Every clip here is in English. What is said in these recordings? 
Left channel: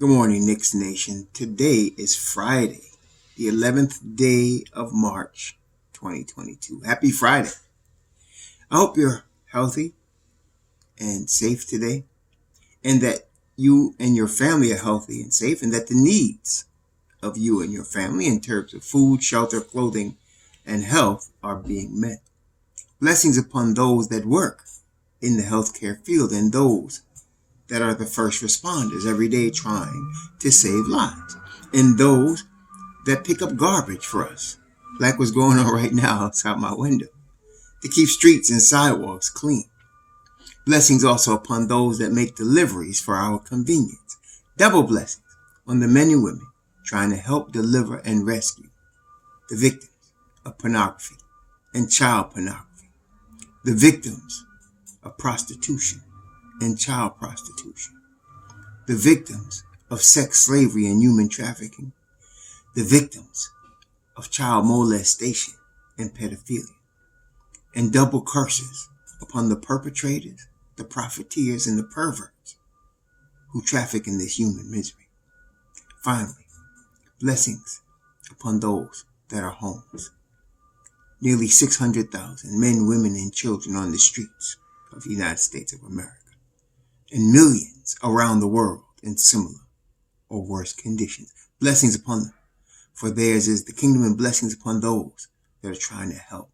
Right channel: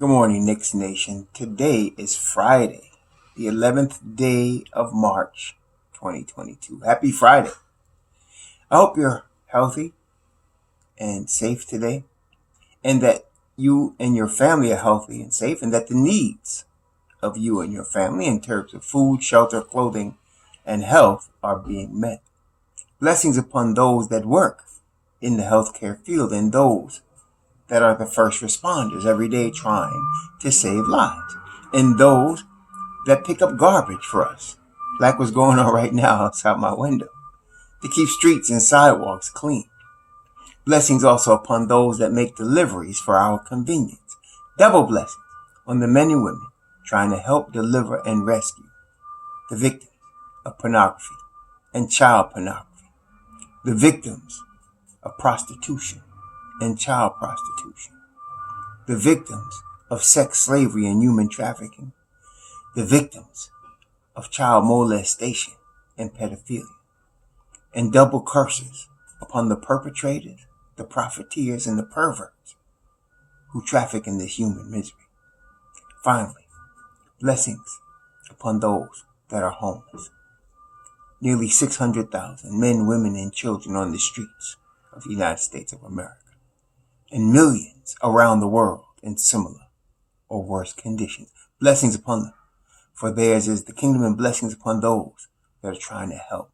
Good morning, Knicks Nation. Today is Friday, the 11th day of March, 2022. Happy Friday. I hope you're healthy and safe today, and that you and your family are healthy and safe, and that the needs of you and your family in terms of food, shelter, clothing, and health are being met. Blessings upon those that work in the healthcare field and those that are the first responders every day trying to save lives, and those that pick up garbage for us, like what's going on right now outside my window, to keep streets and sidewalks clean. Blessings also upon those that make deliveries for our convenience. Double blessings on the men and women trying to help deliver and rescue the victims of pornography and child pornography, the victims of prostitution and child prostitution, the victims of sex slavery and human trafficking, the victims of child molestation and pedophilia, and double curses upon the perpetrators, the profiteers, and the perverts who traffic in this human misery. Finally, blessings upon those that are homeless. Nearly 600,000 men, women, and children on the streets of the United States of America, and millions around the world in similar or worse conditions. Blessings upon them, for theirs is the kingdom, and blessings upon those that are trying to help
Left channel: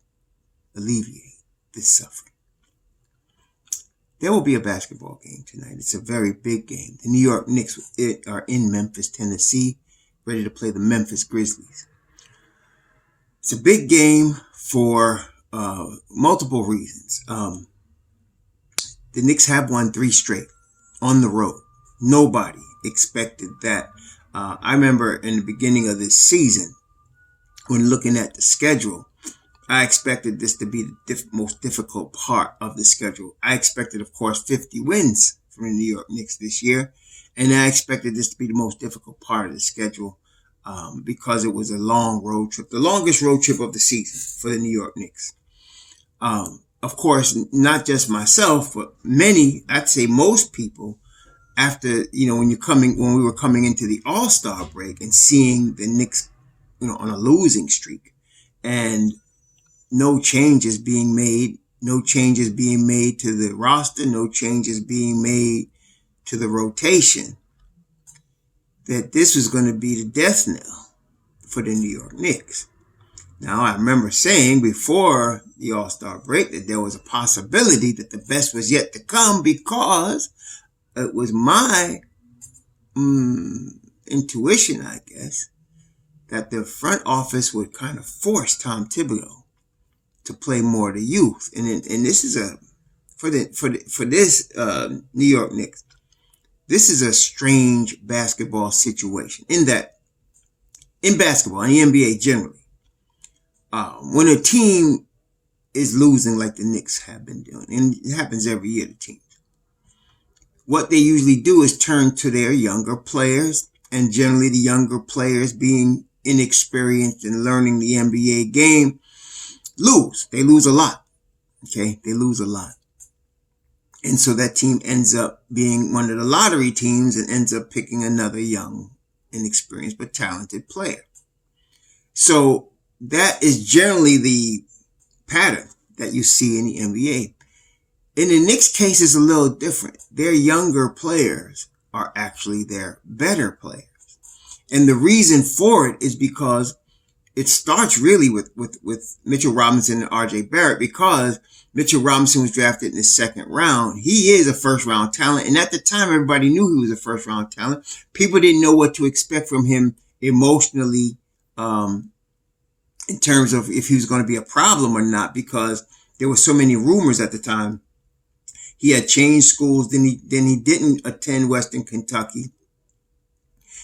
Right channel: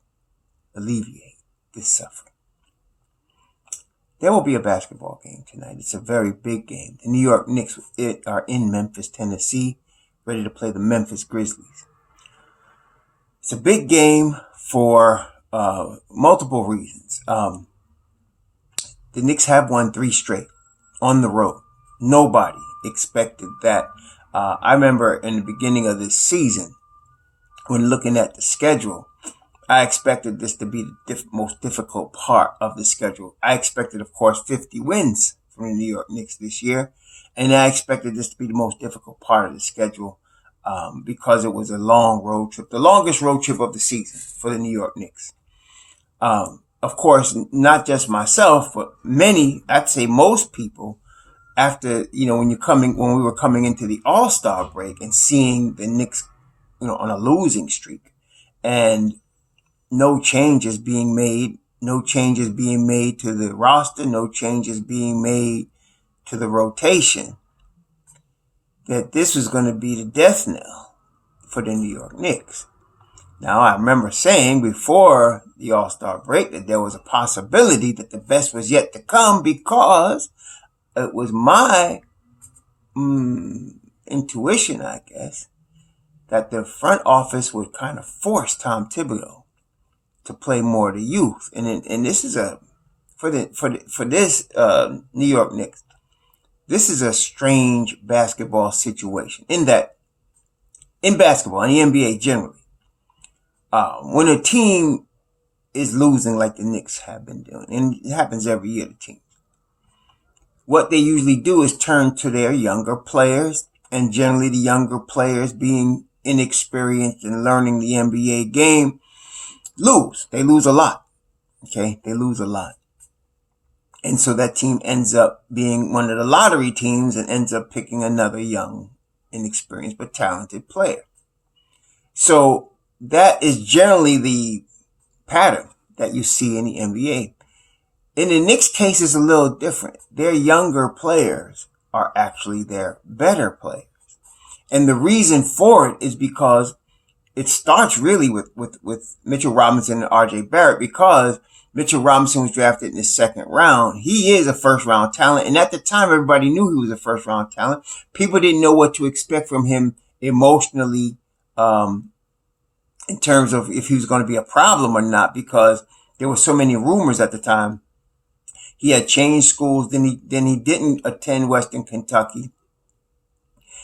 alleviate this suffering. There will be a basketball game tonight. It's a very big game. The New York Knicks are in Memphis, Tennessee, ready to play the Memphis Grizzlies. It's a big game for multiple reasons. The Knicks have won 3 straight on the road. Nobody expected that. I remember in the beginning of this season, when looking at the schedule, I expected this to be the most difficult part of the schedule. I expected, of course, 50 wins from the New York Knicks this year, and I expected this to be the most difficult part of the schedule because it was a long road trip, the longest road trip of the season for the New York Knicks. Of course, not just myself, but many, I'd say most people, after, when we were coming into the All-Star break and seeing the Knicks, on a losing streak, and no changes being made to the roster, no changes being made to the rotation, that this was going to be the death knell for the New York Knicks. Now, I remember saying before the All-Star break that there was a possibility that the best was yet to come, because it was my intuition, I guess, that the front office would kind of force Tom Thibodeau to play more of the youth. And this is for this New York Knicks, this is a strange basketball situation in that in basketball and the NBA generally, when a team is losing like the Knicks have been doing, and it happens every year to teams, what they usually do is turn to their younger players, and generally the younger players, being inexperienced in learning the NBA game, lose. They lose a lot. Okay? They lose a lot. And so that team ends up being one of the lottery teams and ends up picking another young, inexperienced, but talented player. So that is generally the pattern that you see in the NBA. In the Knicks' case, it's a little different. Their younger players are actually their better players. And the reason for it is because it starts really with Mitchell Robinson and RJ Barrett, because Mitchell Robinson was drafted in the 2nd round. He is a first-round talent. And at the time, everybody knew he was a first-round talent. People didn't know what to expect from him emotionally, in terms of if he was going to be a problem or not, because there were so many rumors at the time. He had changed schools. Then he didn't attend Western Kentucky.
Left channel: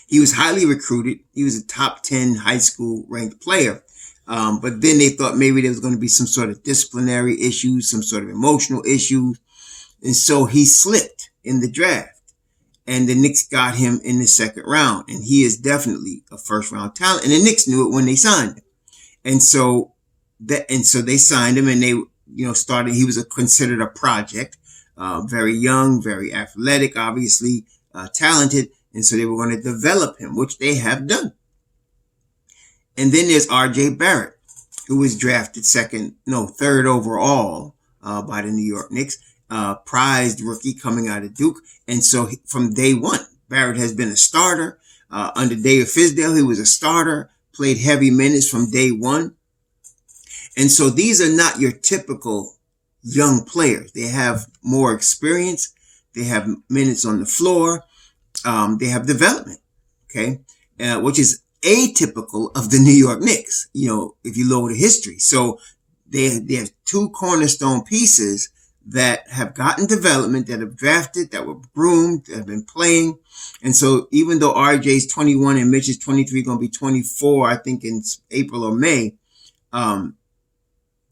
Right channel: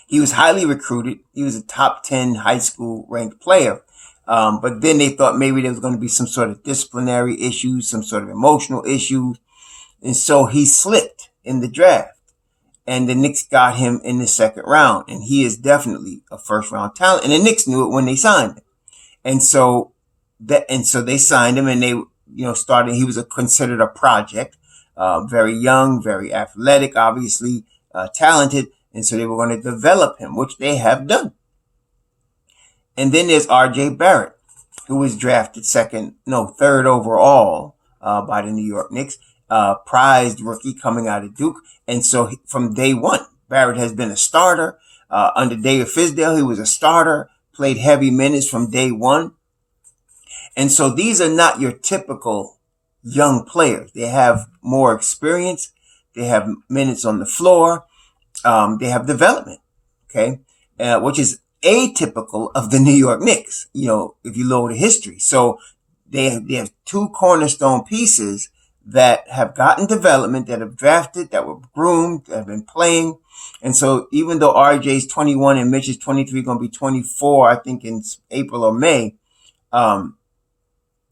He was highly recruited. He was a top 10 high school ranked player. But then they thought maybe there was going to be some sort of disciplinary issues, some sort of emotional issues. And so he slipped in the draft. And the Knicks got him in the 2nd round. And he is definitely a first-round talent. And the Knicks knew it when they signed him. And so they signed him, and they, started. He was considered a project. Very young, very athletic, obviously talented. And so they were going to develop him, which they have done. And then there's R.J. Barrett, who was drafted third overall by the New York Knicks, prized rookie coming out of Duke. And so from day one, Barrett has been a starter. Under David Fizdale, he was a starter, played heavy minutes from day one. And so these are not your typical young players. They have more experience. They have minutes on the floor. They have development, okay, which is atypical of the New York Knicks, if you look at history. So they have two cornerstone pieces that have gotten development, that have drafted, that were groomed, that have been playing. And so even though RJ's 21 and Mitch is 23, going to be 24, I think in April or May,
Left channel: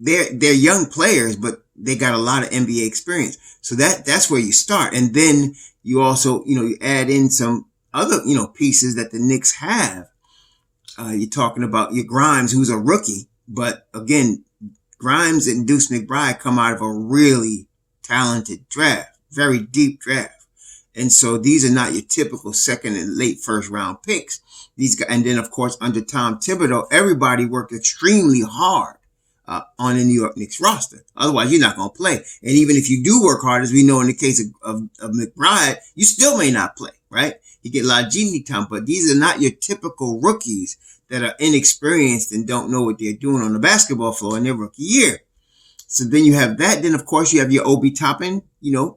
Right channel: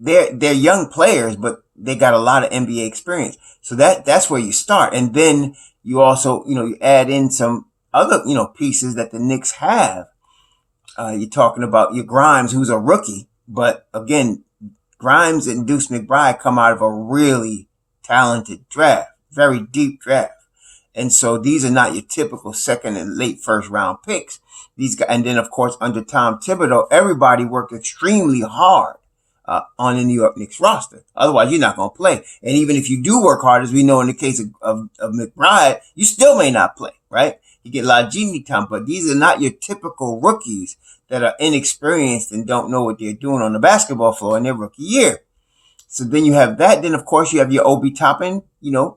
they're young players, but they got a lot of NBA experience. So that's where you start. And then you also, you add in some other, pieces that the Knicks have. You're talking about your Grimes, who's a rookie, but again, Grimes and Deuce McBride come out of a really talented draft, very deep draft. And so these are not your typical second and late first round picks. These guys, and then of course, under Tom Thibodeau, everybody worked extremely hard on the New York Knicks roster. Otherwise, you're not going to play. And even if you do work hard, as we know in the case of McBride, you still may not play, right? You get a lot of genie time, but these are not your typical rookies that are inexperienced and don't know what they're doing on the basketball floor in their rookie year. So then you have that. Then, of course, you have your Obi Toppin,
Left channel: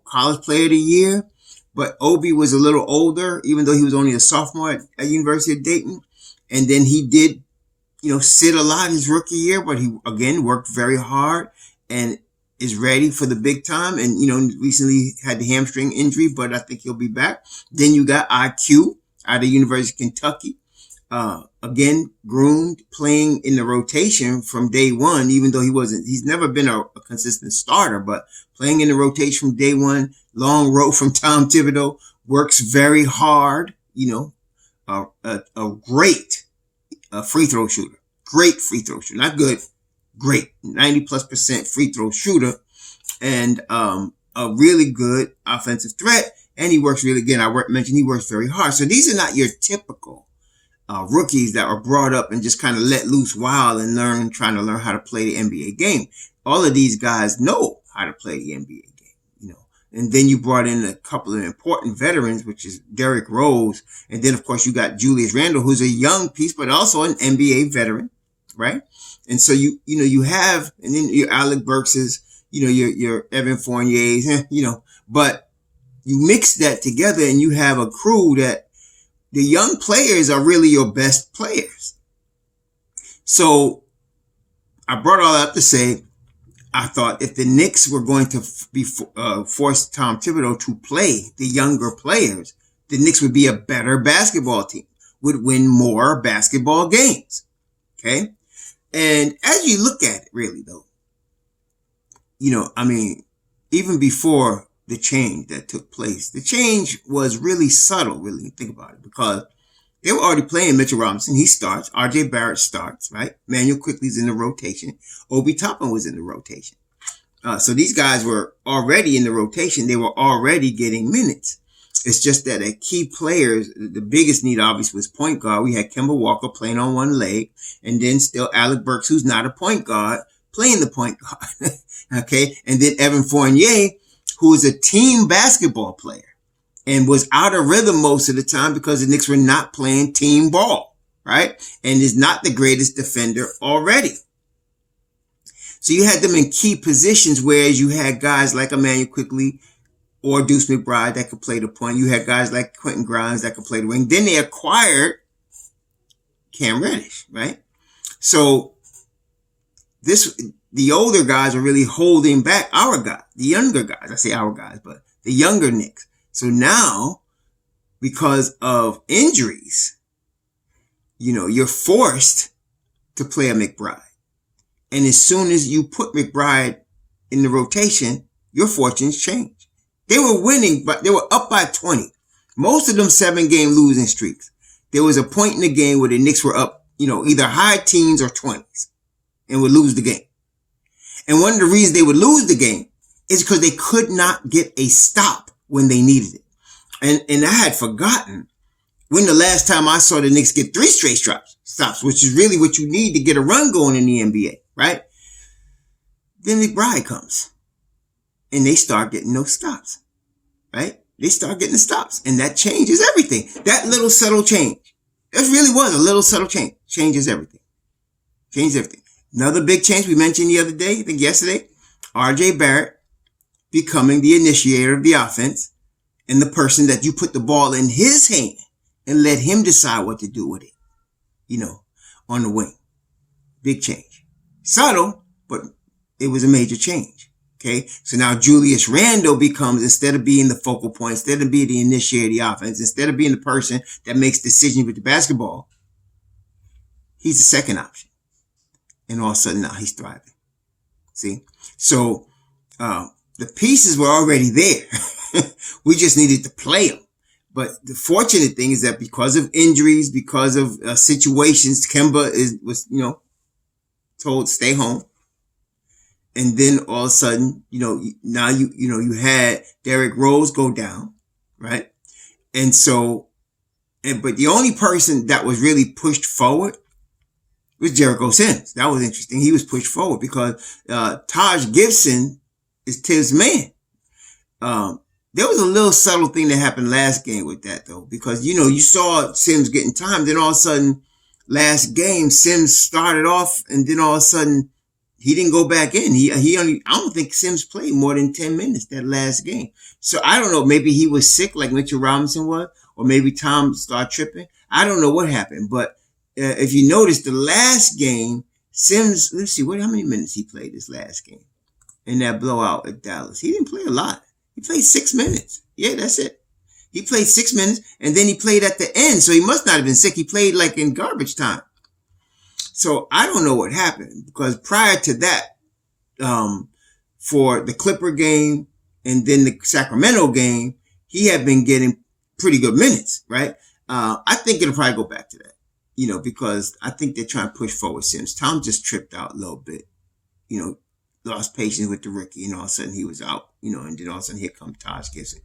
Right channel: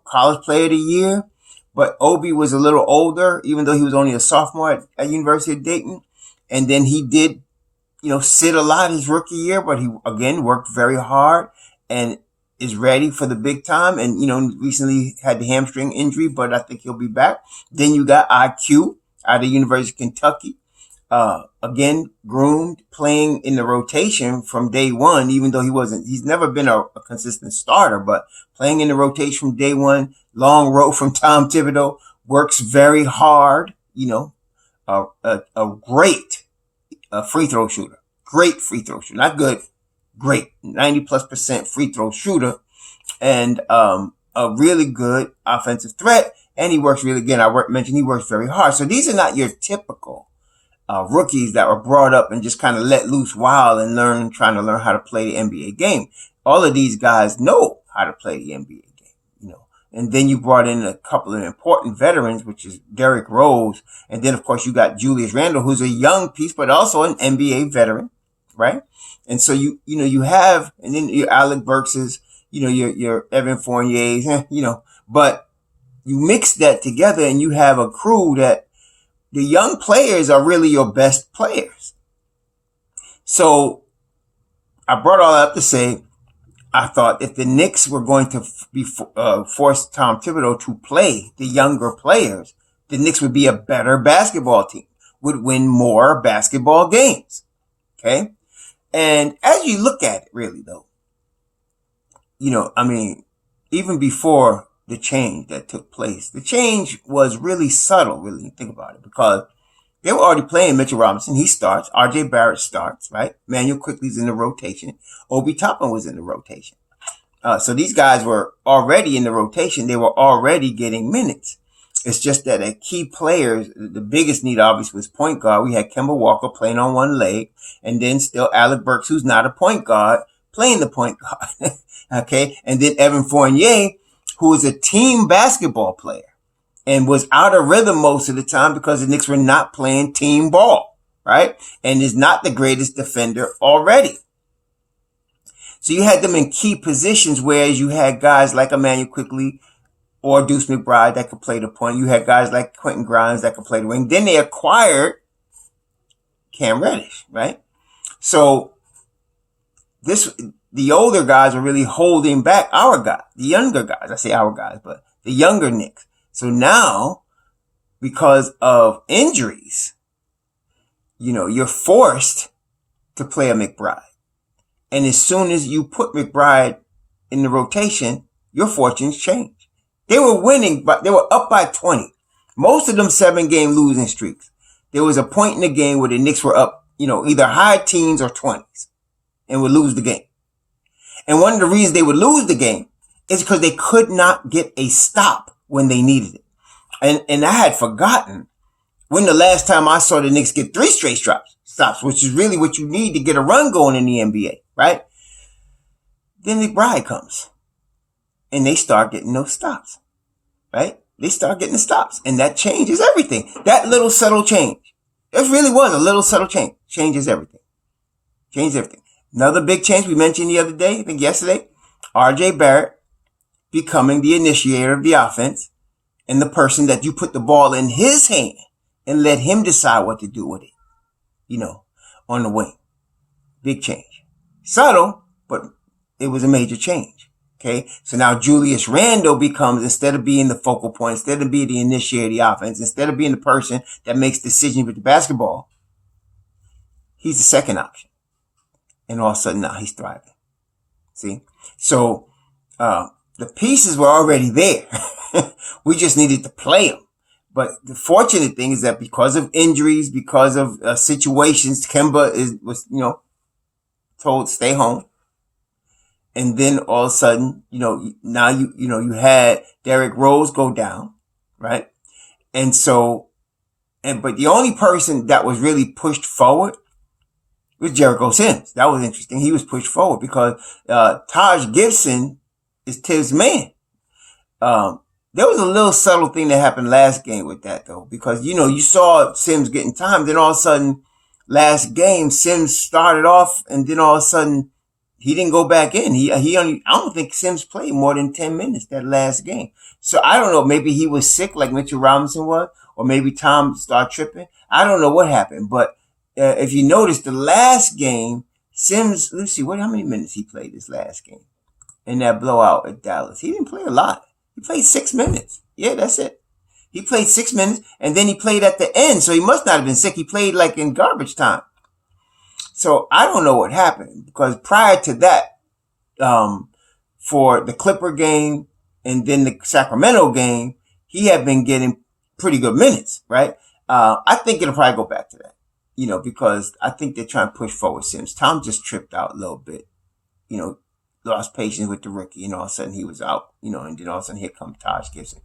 college player of the year. But Obi was a little older, even though he was only a sophomore at University of Dayton. And then he did, sit a lot his rookie year, but he, again, worked very hard and is ready for the big time. And, recently had the hamstring injury, but I think he'll be back. Then you got IQ out of University of Kentucky. Again, groomed, playing in the rotation from day one, even though he's never been a consistent starter, but playing in the rotation from day one, long road from Tom Thibodeau, works very hard, a great free throw shooter, not good, great, 90+% free throw shooter, and a really good offensive threat. And he works really, again, mentioned he works very hard. So these are not your typical rookies that were brought up and just kind of let loose wild and trying to learn how to play the NBA game. All of these guys know how to play the NBA game, And then you brought in a couple of important veterans, which is Derrick Rose. And then, of course, you got Julius Randle, who's a young piece, but also an NBA veteran, right? And so you have, and then your Alec Burks's, your Evan Fournier's, but you mix that together and you have a crew that the young players are really your best players. So I brought all that up to say, I thought if the Knicks were going to force Tom Thibodeau to play the younger players, the Knicks would be a better basketball team, would win more basketball games. Okay. And as you look at it really though, even before the change that took place, the change was really subtle, really, think about it, because they were already playing Mitchell Robinson. He starts. R.J. Barrett starts, right? Manuel Quickley's in the rotation. Obi Toppin was in the rotation. So these guys were already in the rotation. They were already getting minutes. It's just that a key players, the biggest need obviously was point guard. We had Kemba Walker playing on one leg, and then still Alec Burks, who's not a point guard, playing the point guard. Okay. And then Evan Fournier, who is a team basketball player and was out of rhythm most of the time because the Knicks were not playing team ball, right? And is not the greatest defender already. So you had them in key positions, whereas you had guys like Emmanuel Quickley or Deuce McBride that could play the point. You had guys like Quentin Grimes that could play the wing. Then they acquired Cam Reddish, right? So the older guys are really holding back our guys, the younger guys. I say our guys, but the younger Knicks. So now, because of injuries, you're forced to play a McBride. And as soon as you put McBride in the rotation, your fortunes change. They were winning, but they were up by 20. Most of them 7-game losing streaks. There was a point in the game where the Knicks were up, either high teens or 20s and would lose the game. And one of the reasons they would lose the game is because they could not get a stop when they needed it. And I had forgotten When the last time I saw the Knicks get 3 straight stops, which is really what you need to get a run going in the NBA, right? Then McBride comes and they start getting those stops, right? They start getting the stops, and that changes everything. That little subtle change, it really was a little subtle change, changes everything. Changes everything. Another big change we mentioned the other day, I think yesterday, RJ Barrett becoming the initiator of the offense and the person that you put the ball in his hand and let him decide what to do with it, on the wing. Big change. Subtle, but it was a major change. Okay, so now Julius Randle becomes, instead of being the focal point, instead of being the initiator of the offense, instead of being the person that makes decisions with the basketball, he's the second option. And all of a sudden now he's thriving. See? So the pieces were already there. We just needed to play them. But the fortunate thing is that because of injuries, because of situations, Kemba was told stay home. And then all of a sudden, now you had Derrick Rose go down, right? And so, but the only person that was really pushed forward was Jericho Sims. That was interesting. He was pushed forward because Taj Gibson is Tibbs' man. There was a little subtle thing that happened last game with that though, because you saw Sims getting time, then all of a sudden last game Sims started off, and then all of a sudden he didn't go back in. I don't think Sims played more than 10 minutes that last game. So I don't know, maybe he was sick like Mitchell Robinson was, or maybe Tom started tripping. I don't know what happened, but if you notice the last game, Sims, let's see, how many minutes he played this last game in that blowout at Dallas? He didn't play a lot. He played 6 minutes. Yeah, that's it. He played 6 minutes, and then he played at the end, so he must not have been sick. He played like in garbage time. So I don't know what happened, because prior to that, for the Clipper game and then the Sacramento game, he had been getting pretty good minutes, right? I think it'll probably go back to that, because I think they're trying to push forward Sims. Tom just tripped out a little bit, lost patience with the rookie, and all of a sudden he was out, and then all of a sudden here comes Taj Gibson.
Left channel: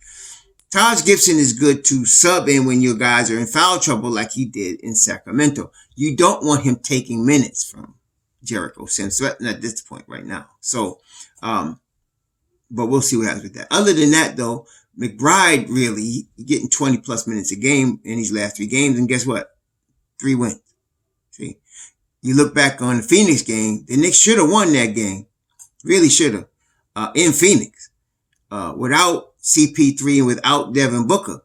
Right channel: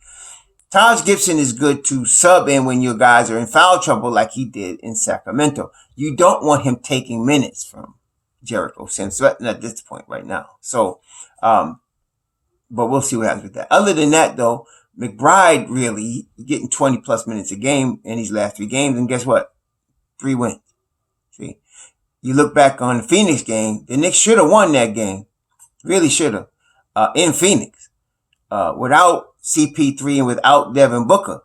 Taj Gibson is good to sub in when your guys are in foul trouble like he did in Sacramento. You don't want him taking minutes from Jericho Sims at this point right now. So, but we'll see what happens with that. Other than that, though, McBride really getting 20 plus minutes a game in these last 3 games. And guess what? 3 wins. See, you look back on the Phoenix game, the Knicks should have won that game. Really should have, in Phoenix, without CP3 and without Devin Booker.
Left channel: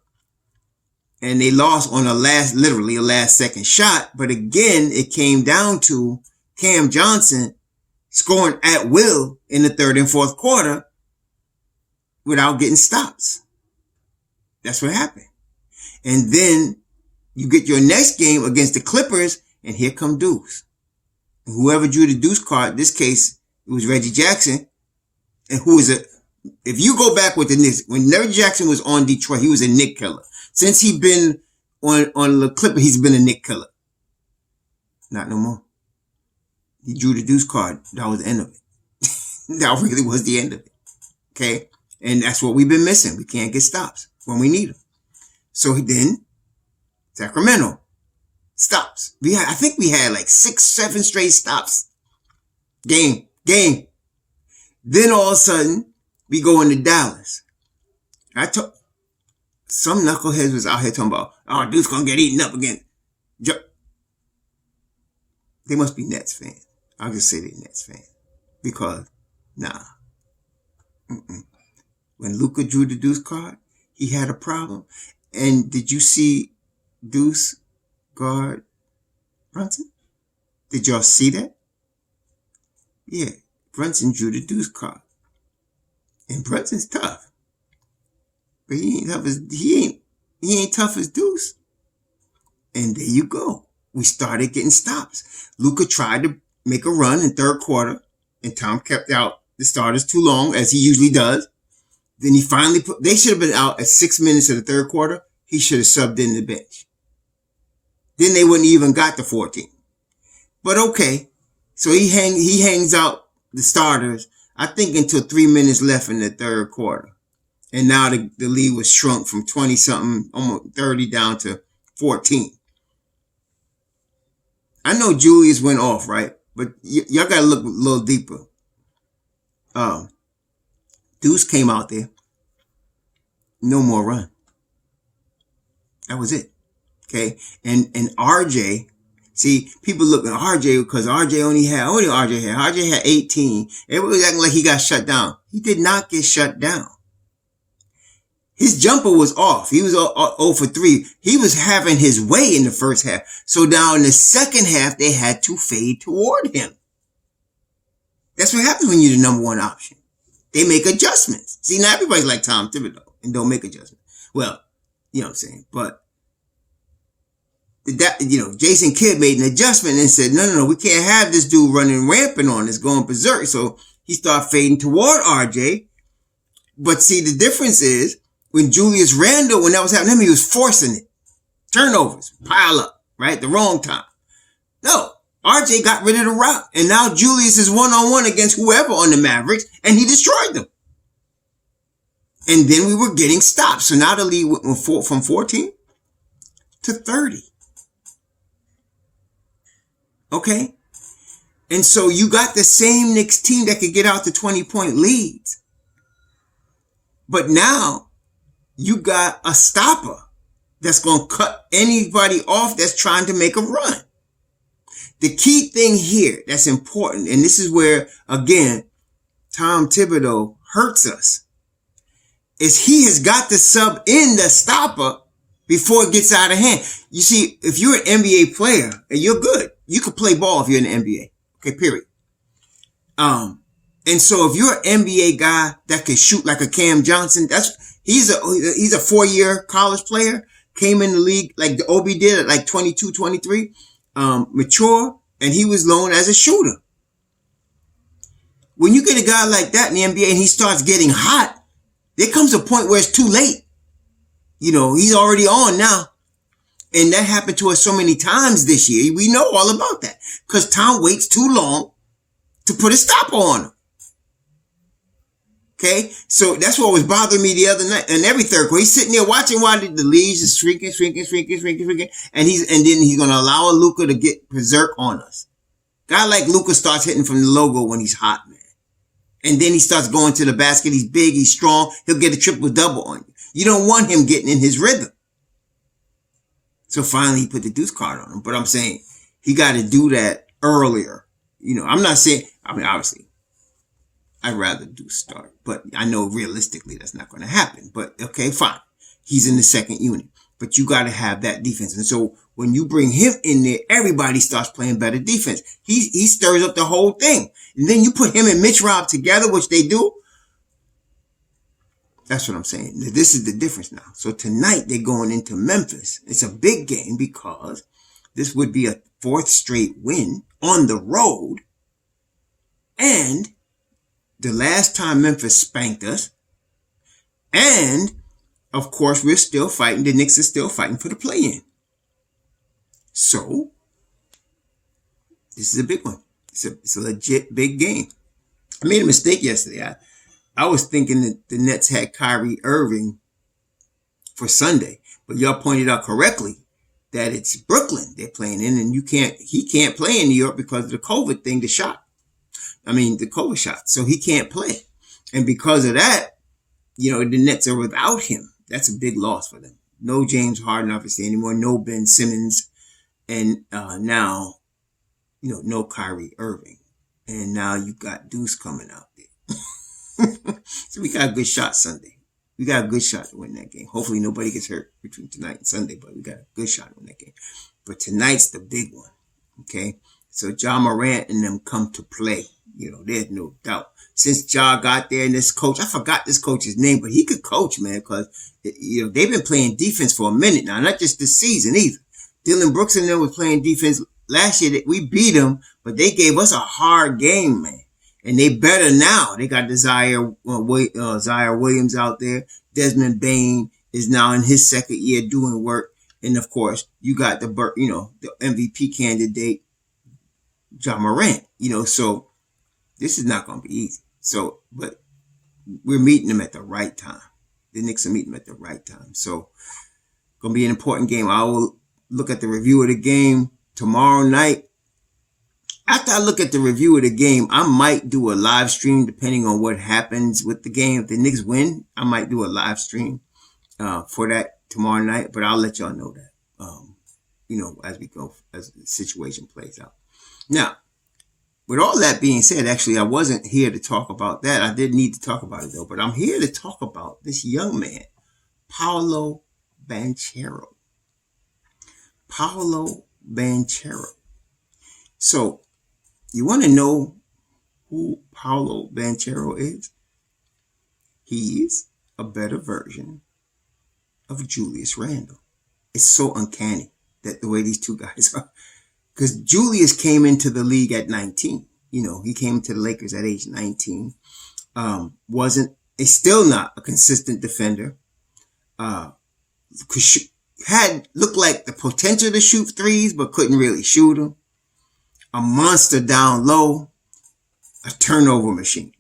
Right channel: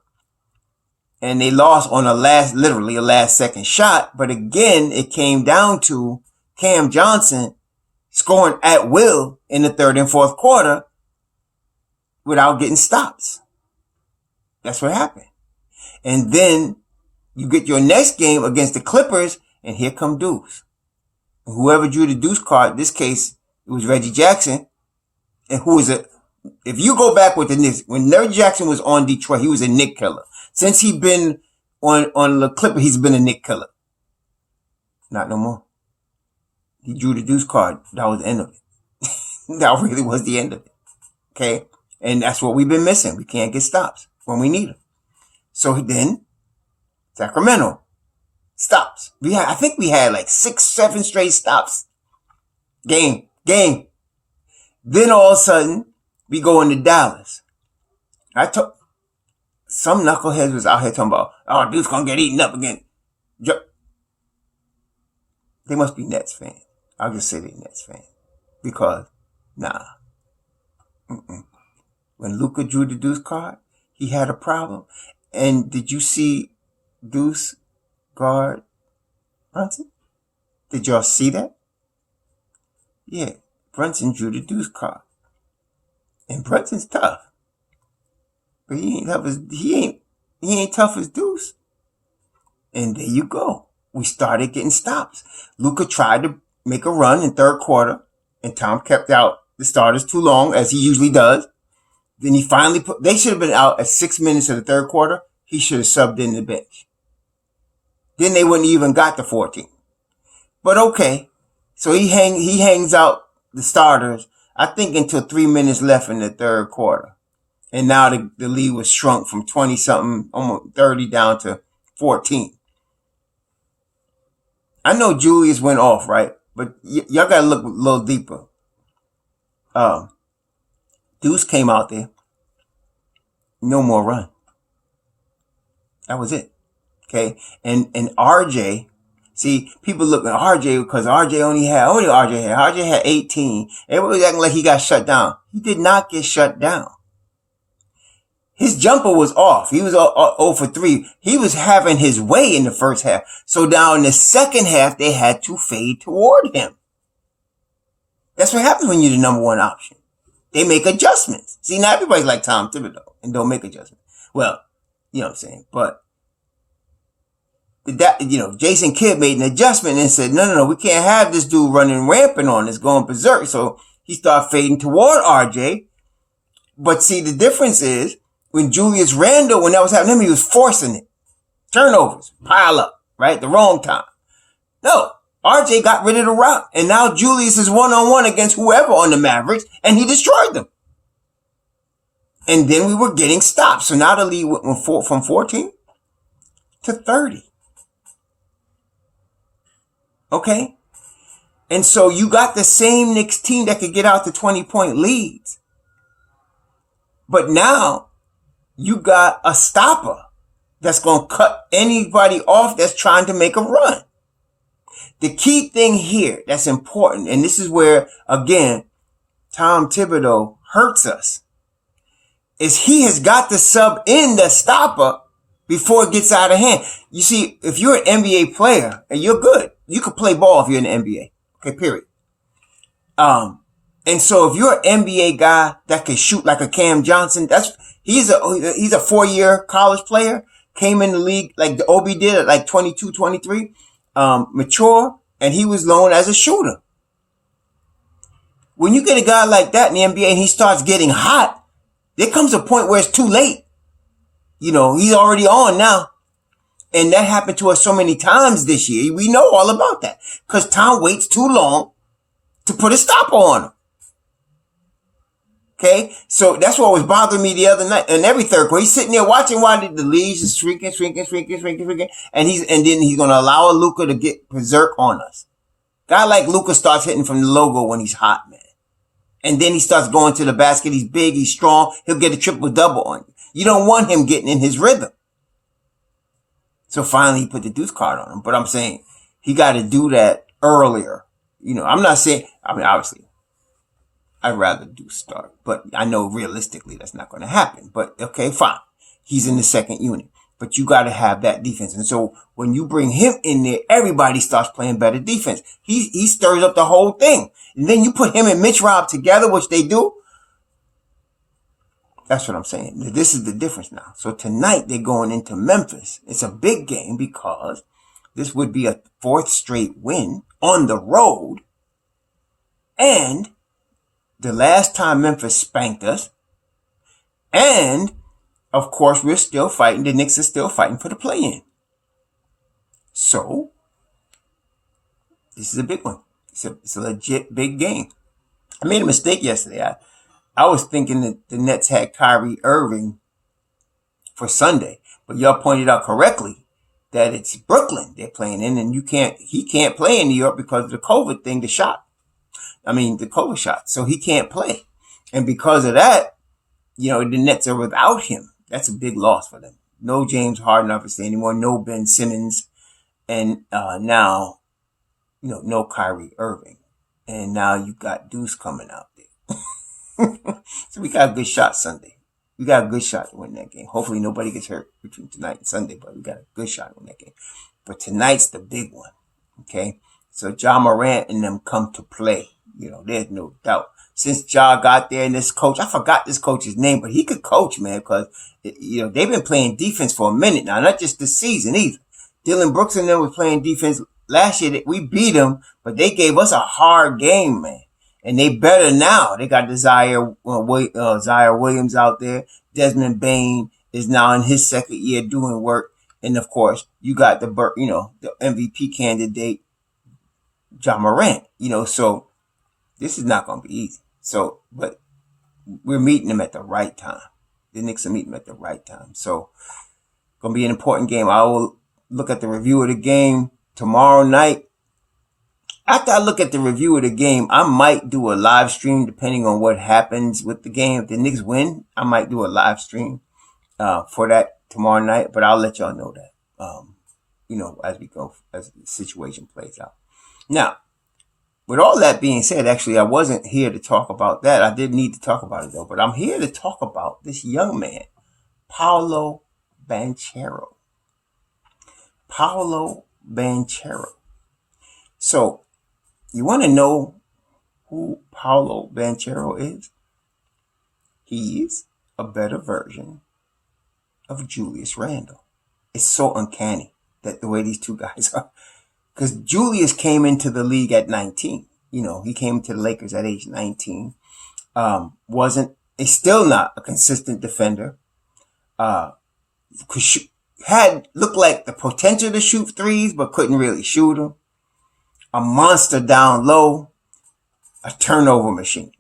And they lost on literally a last second shot. But again, it came down to Cam Johnson scoring at will in the 3rd and 4th quarter without getting stops. That's what happened. And then you get your next game against the Clippers, and here come Deuce. And whoever drew the Deuce card, in this case, it was Reggie Jackson. And if you go back with the Knicks, when Reggie Jackson was on Detroit, he was a Knick killer. Since he's been on the Clippers, he's been a Knick killer. Not no more. He drew the Deuce card. That was the end of it. That really was the end of it. Okay? And that's what we've been missing. We can't get stops when we need them. So then, Sacramento stops. I think we had like 6, 7 straight stops. Game. Then all of a sudden, we go into Dallas. Some knuckleheads was out here talking about, oh, dude's gonna get eaten up again. They must be Nets fans. I'll just say they're Nets fans. Because, nah. When Luka drew the Deuce card, he had a problem. And did you see Deuce guard Brunson? Did y'all see that? Yeah. Brunson drew the Deuce card. And Brunson's tough. But he ain't tough as Deuce. And there you go. We started getting stops. Luka tried to make a run in 3rd quarter, and Tom kept out the starters too long, as he usually does. Then he finally they should have been out at 6 minutes of the 3rd quarter. He should have subbed in the bench. Then they wouldn't even got the 14. But okay. So he hangs out the starters, I think, until 3 minutes left in the 3rd quarter. And now the lead was shrunk from 20 something, almost 30 down to 14. I know Julius went off, right? But y'all got to look a little deeper. Deuce came out there. No more run. That was it. Okay. And RJ, see, people look at RJ because RJ had 18. Everybody was acting like he got shut down. He did not get shut down. His jumper was off. He was 0 for 3. He was having his way in the first half. So now in the second half, they had to fade toward him. That's what happens when you're the number one option. They make adjustments. See, now everybody's like Tom Thibodeau and don't make adjustments. Well, you know what I'm saying? But that, Jason Kidd made an adjustment and said, no, we can't have this dude running rampant on us, going berserk. So he started fading toward RJ. But see, the difference is when Julius Randle, when that was happening, he was forcing it. Turnovers, pile up, right? The wrong time. No, RJ got rid of the rock. And now Julius is one-on-one against whoever on the Mavericks, and he destroyed them. And then we were getting stops. So now the lead went from 14 to 30. Okay? And so you got the same Knicks team that could get out to 20-point leads. But now you got a stopper that's going to cut anybody off that's trying to make a run. The key thing here that's important, and this is where, again, Tom Thibodeau hurts us, is he has got to sub in the stopper before it gets out of hand. You see, if you're an NBA player and you're good, you can play ball if you're in the NBA. Okay, period. And so if you're an NBA guy that can shoot like a Cam Johnson, he's a 4-year college player, came in the league like the Obi did at like 22, 23, mature, and he was known as a shooter. When you get a guy like that in the NBA and he starts getting hot, there comes a point where it's too late. He's already on now. And that happened to us so many times this year. We know all about that because Tom waits too long to put a stopper on him. Okay, so that's what was bothering me the other night. And every third quarter, he's sitting there watching while the leads is shrinking, and then he's gonna allow Luka to get berserk on us. Guy like Luka starts hitting from the logo when he's hot, man. And then he starts going to the basket. He's big, he's strong. He'll get a triple-double on you. You don't want him getting in his rhythm. So finally, he put the deuce card on him. But I'm saying he got to do that earlier. I'm not saying. Obviously, I'd rather do start, but I know realistically that's not going to happen. But okay, fine. He's in the second unit, but you got to have that defense. And so when you bring him in there, everybody starts playing better defense. He stirs up the whole thing. And then you put him and Mitch Rob together, which they do. That's what I'm saying. This is the difference now. So tonight they're going into Memphis. It's a big game because this would be a 4th straight win on the road. And the last time Memphis spanked us. And, of course, we're still fighting. The Knicks are still fighting for the play-in. So, this is a big one. It's a legit big game. I made a mistake yesterday. I was thinking that the Nets had Kyrie Irving for Sunday. But y'all pointed out correctly that it's Brooklyn they're playing in. And he can't play in New York because of the COVID thing, the COVID shot. So he can't play. And because of that, the Nets are without him. That's a big loss for them. No James Harden, obviously, anymore. No Ben Simmons. And now, no Kyrie Irving. And now you got Deuce coming out there. So we got a good shot Sunday. We got a good shot to win that game. Hopefully nobody gets hurt between tonight and Sunday, but we got a good shot to win that game. But tonight's the big one. Okay? So Ja Morant and them come to play. There's no doubt. Since Ja got there and this coach, I forgot this coach's name, but he could coach, man, because, they've been playing defense for a minute now, not just this season either. Dylan Brooks and them was playing defense last year. We beat them, but they gave us a hard game, man. And they better now. They got Zaire Williams out there. Desmond Bane is now in his second year doing work. And of course, you got the MVP candidate, Ja Morant. So this is not going to be easy. So, but we're meeting them at the right time. The Knicks are meeting them at the right time. So, going to be an important game. I will look at the review of the game tomorrow night. After I look at the review of the game, I might do a live stream depending on what happens with the game. If the Knicks win, I might do a live stream for that tomorrow night, but I'll let y'all know that, as we go, as the situation plays out. Now, with all that being said, actually, I wasn't here to talk about that. I did need to talk about it, though. But I'm here to talk about this young man, Paolo Banchero. Paolo Banchero. So, you want to know who Paolo Banchero is? He's a better version of Julius Randle. It's so uncanny that the way these two guys are. Because Julius came into the league at 19. He came to the Lakers at age 19. He's still not a consistent defender. Had looked like the potential to shoot threes, but couldn't really shoot them. A monster down low, a turnover machine.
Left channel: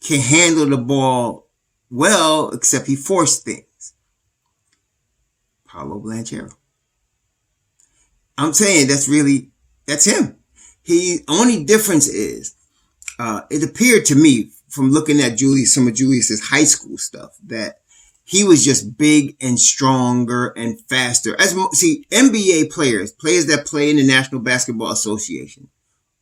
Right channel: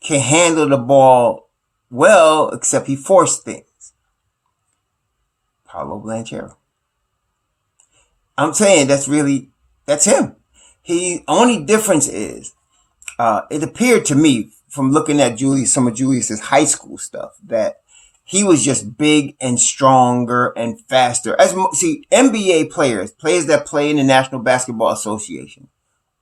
Can handle the ball well, except he forced things. Paolo Banchero. I'm saying that's him. Only difference is, it appeared to me from looking at some of Julius's high school stuff, that he was just big and stronger and faster. NBA players that play in the National Basketball Association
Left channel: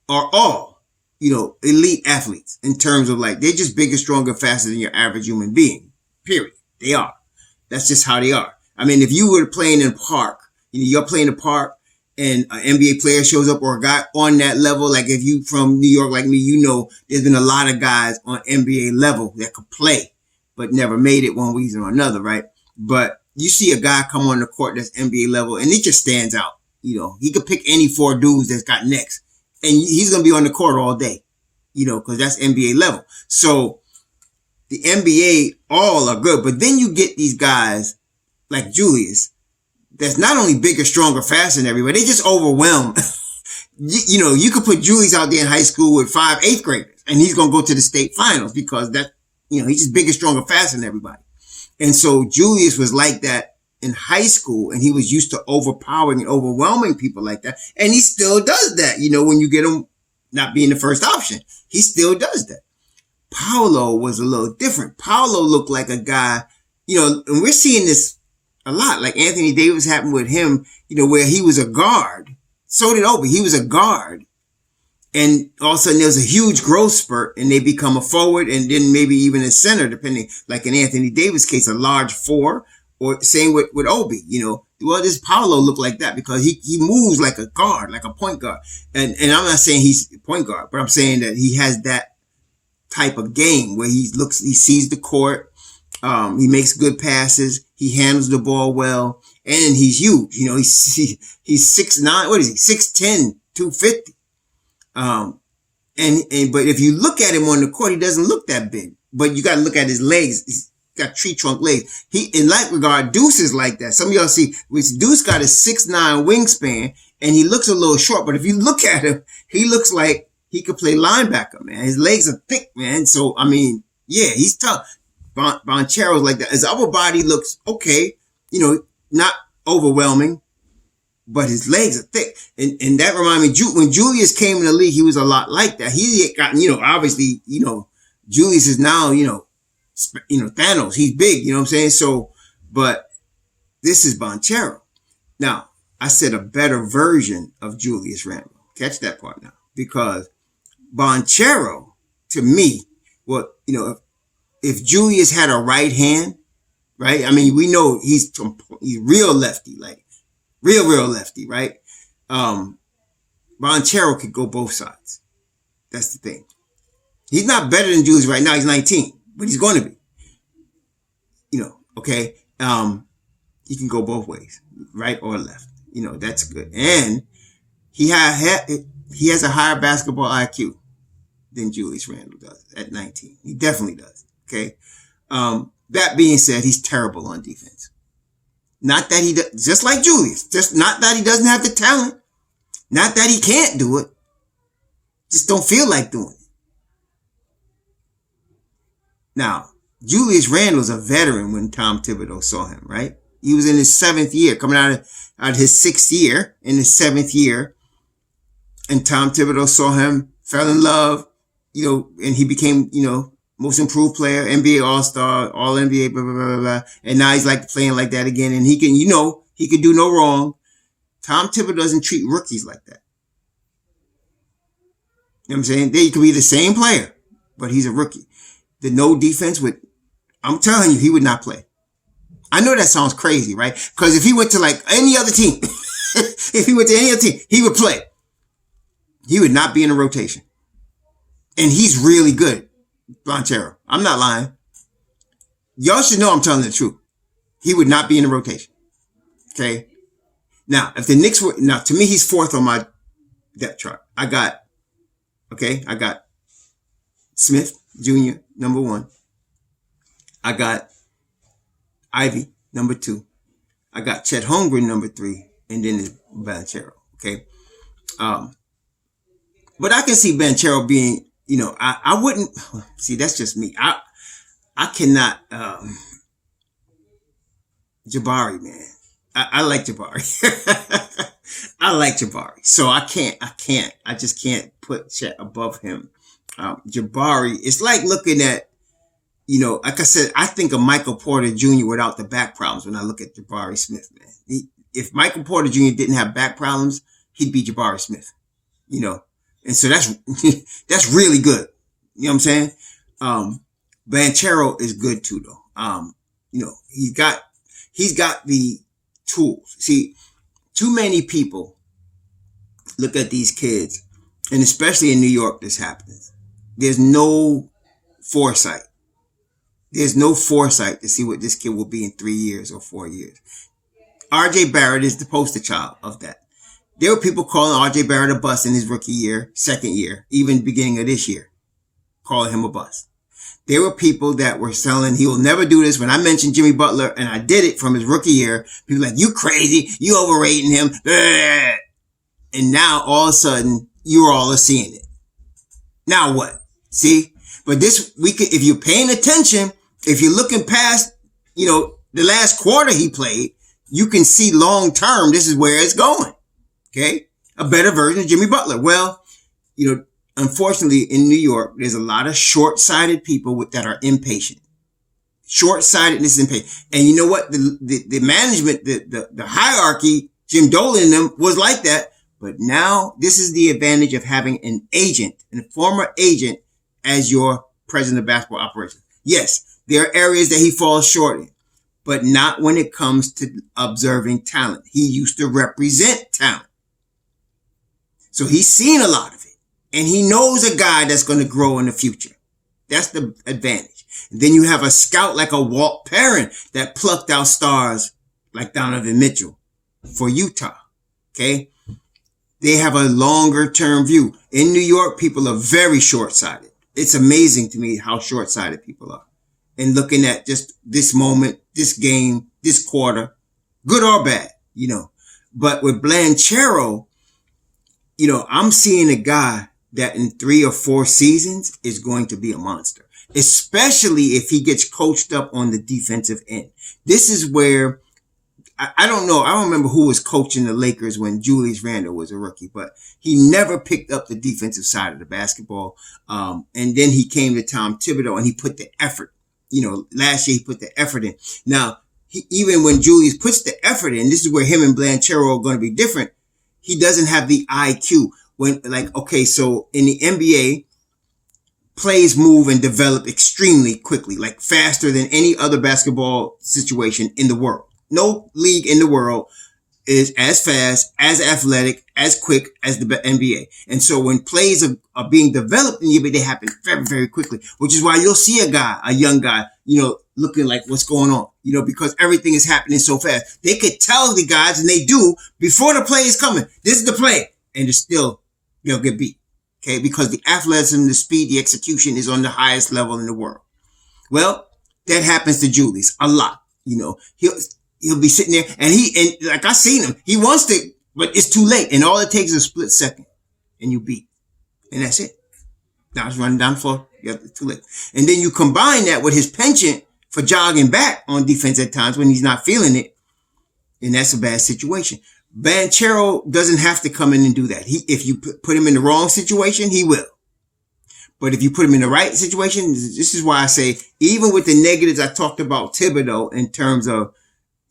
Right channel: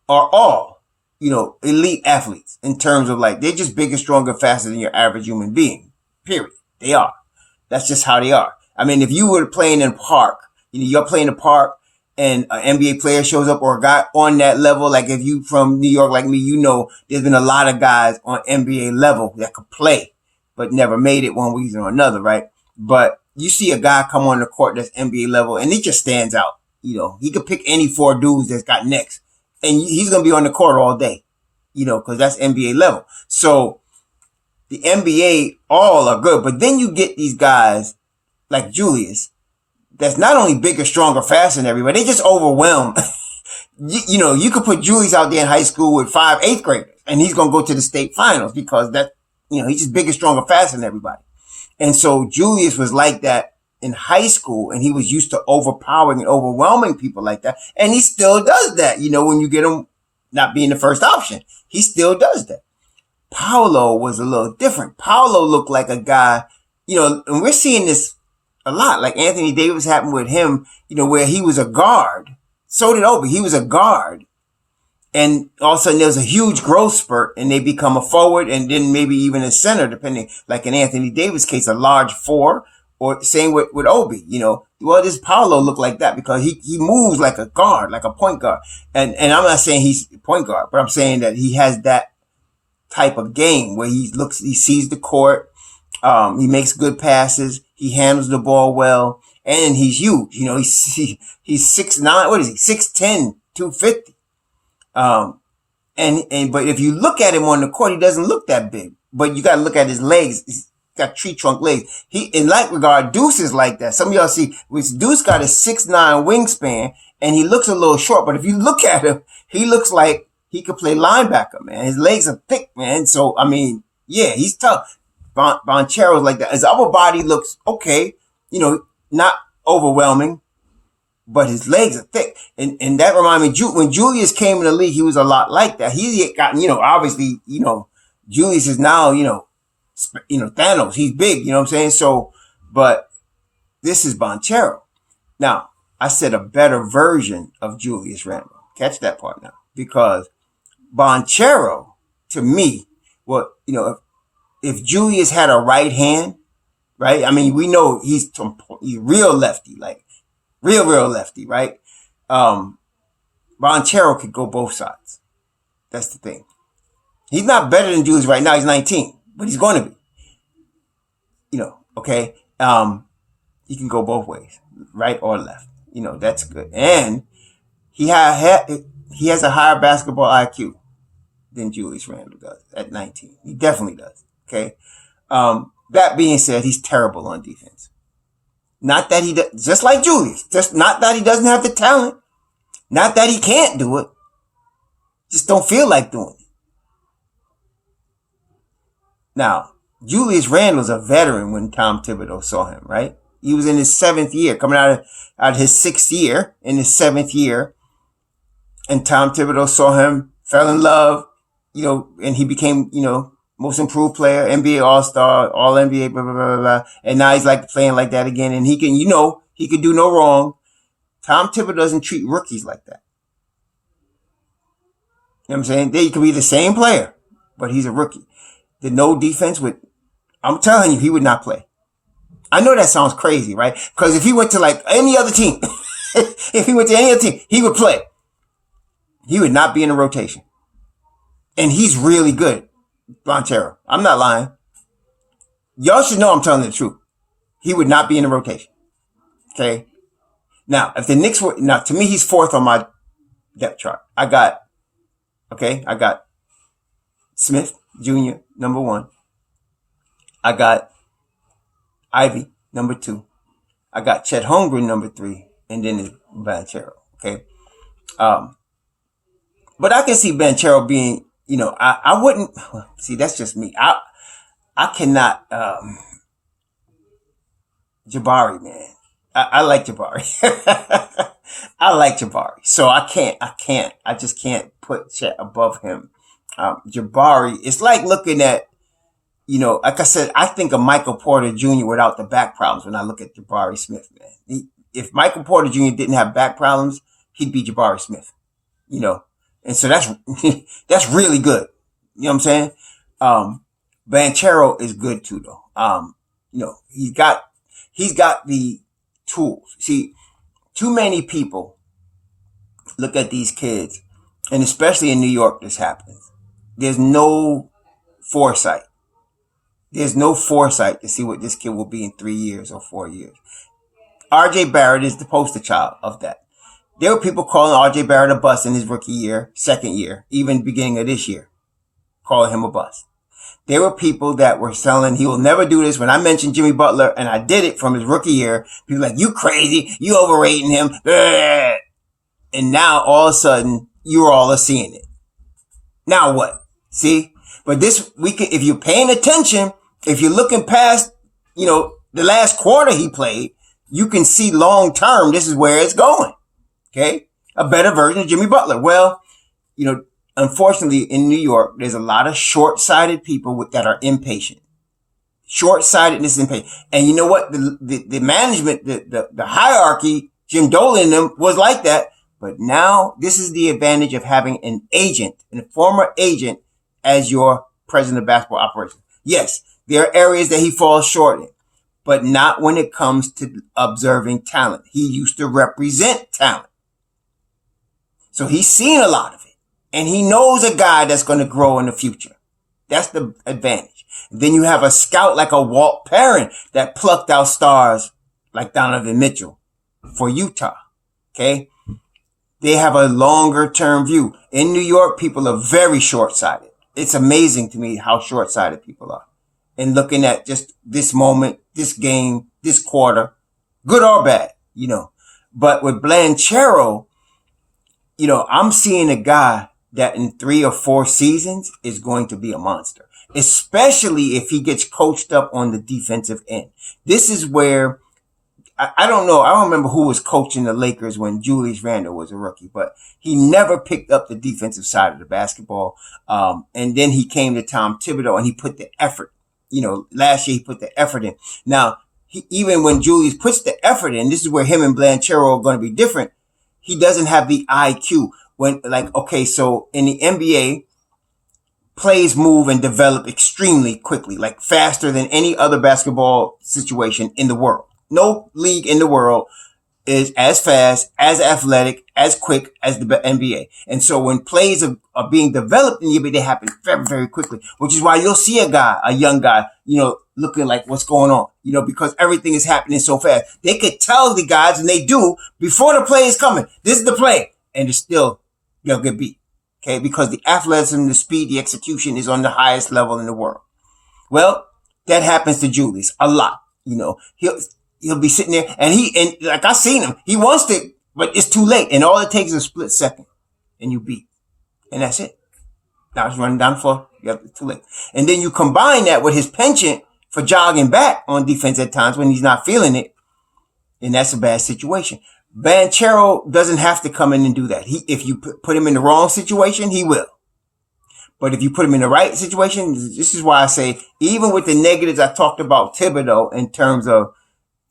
are all, elite athletes in terms of they're just bigger, stronger, faster than your average human being. Period. They are. That's just how they are. I mean, if you were playing in a park, you're playing in a park, and an NBA player shows up, or a guy on that level, like if you from New York like me, there's been a lot of guys on NBA level that could play, but never made it one reason or another, right? But you see a guy come on the court that's NBA level, and he just stands out. He could pick any four dudes that's got Knicks, and he's going to be on the court all day, because that's NBA level. So the NBA all are good, but then you get these guys like Julius, that's not only bigger, stronger, faster than everybody, they just overwhelm. You could put Julius out there in high school with 5 8th graders, and he's going to go to the state finals because he's just bigger, stronger, faster than everybody. And so Julius was like that in high school, and he was used to overpowering and overwhelming people like that. And he still does that, when you get him not being the first option. He still does that. Paolo was a little different. Paolo looked like a guy, and we're seeing this a lot, like Anthony Davis happened with him, where he was a guard. So did Obi. He was a guard. And all of a sudden there's a huge growth spurt, and they become a forward, and then maybe even a center, depending, like in Anthony Davis' case, a large 4, or same with Obi, Well, this Paolo looked like that because he moves like a guard, like a point guard. And I'm not saying he's a point guard, but I'm saying that he has that type of game where he sees the court, he makes good passes, he handles the ball well, and he's huge. He's 6'9", what is he? 6'10", 250. But if you look at him on the court, he doesn't look that big. But you gotta look at his legs. He's got tree trunk legs. In that regard, Deuce is like that. Some of y'all see, Deuce got a 6'9" wingspan, and he looks a little short. But if you look at him, he looks like he could play linebacker, man. His legs are thick, man. So, yeah, he's tough. Blanchero's like that. His upper body looks okay, not overwhelming, but his legs are thick. And that reminded me, when Julius came in the league, he was a lot like that. He got, obviously, Julius is now, Thanos. He's big, you know what I'm saying? So, but this is Blanchero. Now, I said a better version of Julius Randle. Catch that part now. Because Blanchero, to me, if Julius had a right hand, right? We know he's real lefty, like real lefty, right? Blanchero could go both sides. That's the thing. He's not better than Julius right now. He's 19, but he's going to be, okay? He can go both ways, right or left. That's good. And he has a higher basketball IQ than Julius Randle does at 19. He definitely does. Okay. That being said, he's terrible on defense. Not that he does, just like Julius, just not that he doesn't have the talent, not that he can't do it, just don't feel like doing it. Now, Julius Randle's a veteran when Tom Thibodeau saw him, right? He was in his 7th year, coming out of his 6th year, in his 7th year. And Tom Thibodeau saw him, fell in love, and he became, most improved player, NBA All-Star, All-NBA, blah, blah, blah, blah. And now he's like playing like that again. And he can, he can do no wrong. Tom Thibodeau doesn't treat rookies like that. You know what I'm saying? They could be the same player, but he's a rookie. The no defense I'm telling you, he would not play. I know that sounds crazy, right? Because if he went to like any other team, he would play. He would not be in a rotation. And he's really good, Blanchero. I'm not lying. Y'all should know I'm telling the truth. He would not be in a rotation. Okay? Now, if the Knicks were, to me, he's 4th on my depth chart. I got Smith Jr., number 1. I got Ivy, number 2. I got Chet Holmgren, number 3. And then it's Blanchero. Okay? But I can see Blanchero being, I wouldn't, see, that's just me. I cannot, Jabari, man. I like Jabari. I like Jabari. So I just can't put Chet above him. Jabari, it's like looking at, like I said, I think of Michael Porter Jr. without the back problems when I look at Jabari Smith, man. If Michael Porter Jr. didn't have back problems, he'd be Jabari Smith, And so that's really good. You know what I'm saying? Blanchero is good too, though. He's got the tools. See, too many people look at these kids, and especially in New York, this happens. There's no foresight. There's no foresight to see what this kid will be in 3 years or 4 years. RJ Barrett is the poster child of that. There were people calling RJ Barrett a bust in his rookie year, 2nd year, even beginning of this year, calling him a bust. There were people that were selling, he will never do this. When I mentioned Jimmy Butler, and I did it from his rookie year, people were like, you crazy, you overrating him. And now all of a sudden, you all are seeing it. Now what? See? But this week, if you're paying attention, if you're looking past, the last quarter he played, you can see long term, this is where it's going. Okay? A better version of Jimmy Butler. Well, unfortunately in New York, there's a lot of short-sighted people that are impatient. Short-sightedness and impatient. And you know what? The management, the hierarchy, Jim Dolan and them was like that. But now this is the advantage of having an agent, a former agent as your president of basketball operations. Yes, there are areas that he falls short in, but not when it comes to observing talent. He used to represent talent. So he's seen a lot of it, and he knows a guy that's going to grow in the future. That's the advantage. And then you have a scout like a Walt Perrin that plucked out stars like Donovan Mitchell for Utah. Okay. They have a longer term view. In New York, people are very short-sighted. It's amazing to me how short-sighted people are. And looking at just this moment, this game, this quarter, good or bad, But with Blanchero, I'm seeing a guy that in 3 or 4 seasons is going to be a monster, especially if he gets coached up on the defensive end. This is where, I don't know, I don't remember who was coaching the Lakers when Julius Randle was a rookie, but he never picked up the defensive side of the basketball. And then he came to Tom Thibodeau and he put the effort. Last year he put the effort in. Now, even when Julius puts the effort in, this is where him and Blanchero are going to be different. He doesn't have the IQ so in the NBA, plays move and develop extremely quickly, like faster than any other basketball situation in the world. No league in the world is as fast, as athletic, as quick as the NBA. And so when plays are being developed in the NBA, they happen very, very quickly, which is why you'll see a young guy, looking like what's going on, because everything is happening so fast. They could tell the guys, and they do, before the play is coming, this is the play. And it's still, they'll get beat. Okay. Because the athleticism, the speed, the execution is on the highest level in the world. Well, that happens to Julius a lot. He'll be sitting there and like I seen him, he wants to, but it's too late. And all it takes is a split second and you beat. And that's it. Now it's running down the floor. It's too late. And then you combine that with his penchant for jogging back on defense at times when he's not feeling it. And that's a bad situation. Blanchero doesn't have to come in and do that. If you put him in the wrong situation, he will. But if you put him in the right situation, this is why I say, even with the negatives I talked about Thibodeau in terms of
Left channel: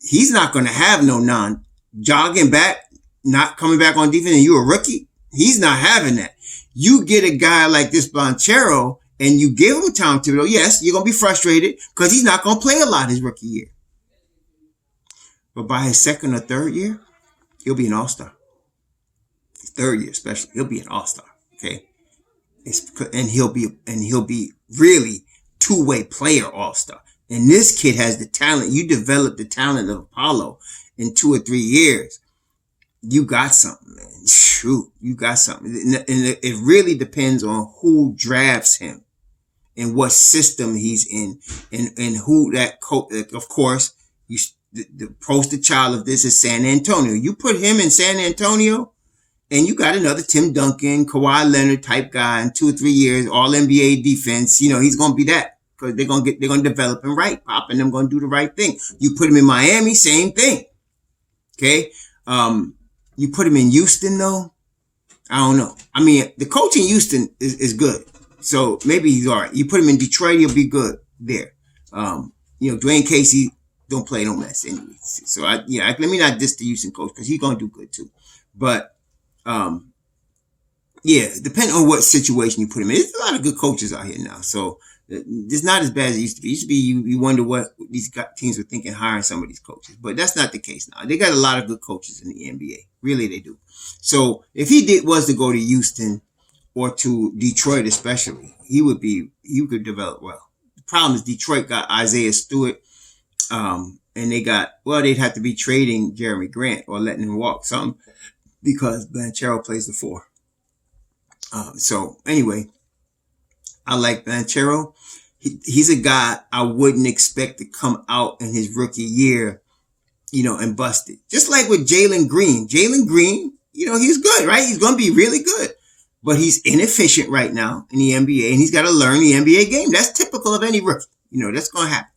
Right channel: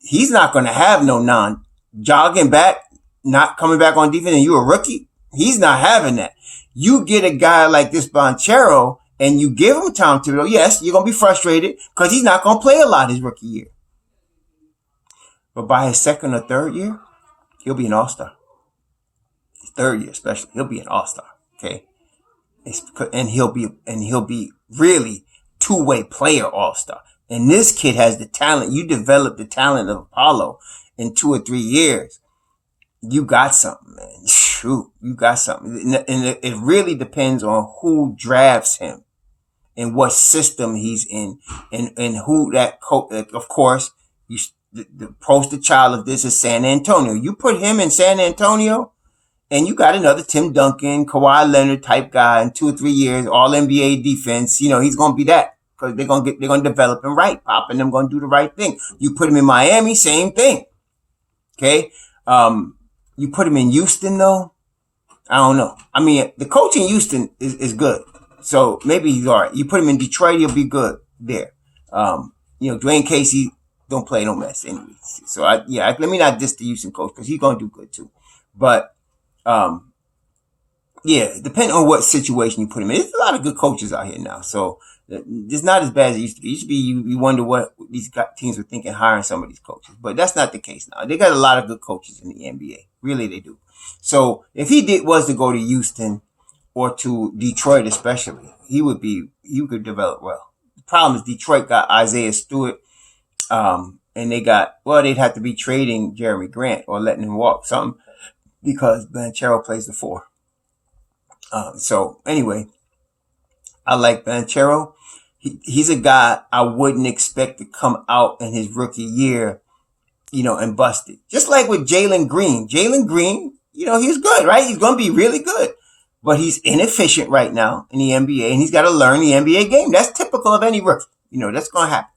he's not going to have no jogging back, not coming back on defense, and you're a rookie. He's not having that. You get a guy like this Blanchero and you give him time to, yes, you're going to be frustrated because he's not going to play a lot his rookie year. But by his second or third year, he'll be an all-star. His third year especially, he'll be an all-star. Okay. And he'll be really two-way player all-star. And this kid has the talent. You develop the talent of Apollo in 2 or 3 years. You got something, man. Shoot, you got something. And it really depends on who drafts him and what system he's in and who that coach. Of course, the poster child of this is San Antonio. You put him in San Antonio, and you got another Tim Duncan, Kawhi Leonard type guy in 2 or 3 years, all NBA defense. You know, he's going to be that because they're going to develop him right. Pop and them going to do the right thing. You put him in Miami, same thing. Okay. You put him in Houston though. I don't know. I mean, the coach in Houston is good. So maybe he's all right. You put him in Detroit, he'll be good there. Dwayne Casey don't play no mess anyway. So let me not diss the Houston coach because he's going to do good too. But, depending on what situation you put him in. There's a lot of good coaches out here now. So it's not as bad as it used to be. It used to be you wonder what these teams were thinking hiring some of these coaches. But that's not the case now. They got a lot of good coaches in the NBA. Really, they do. So if he was to go to Houston or to Detroit especially, he could develop well. The problem is Detroit got Isaiah Stewart, and they'd have to be trading Jeremy Grant or letting him walk something because Blanchero plays the 4. So anyway, I like Blanchero. He's a guy I wouldn't expect to come out in his rookie year, and bust it. Just like with Jalen Green. Jalen Green, he's good, right? He's going to be really good. But he's inefficient right now in the NBA, and he's got to learn the NBA game. That's typical of any rookie. That's going to happen.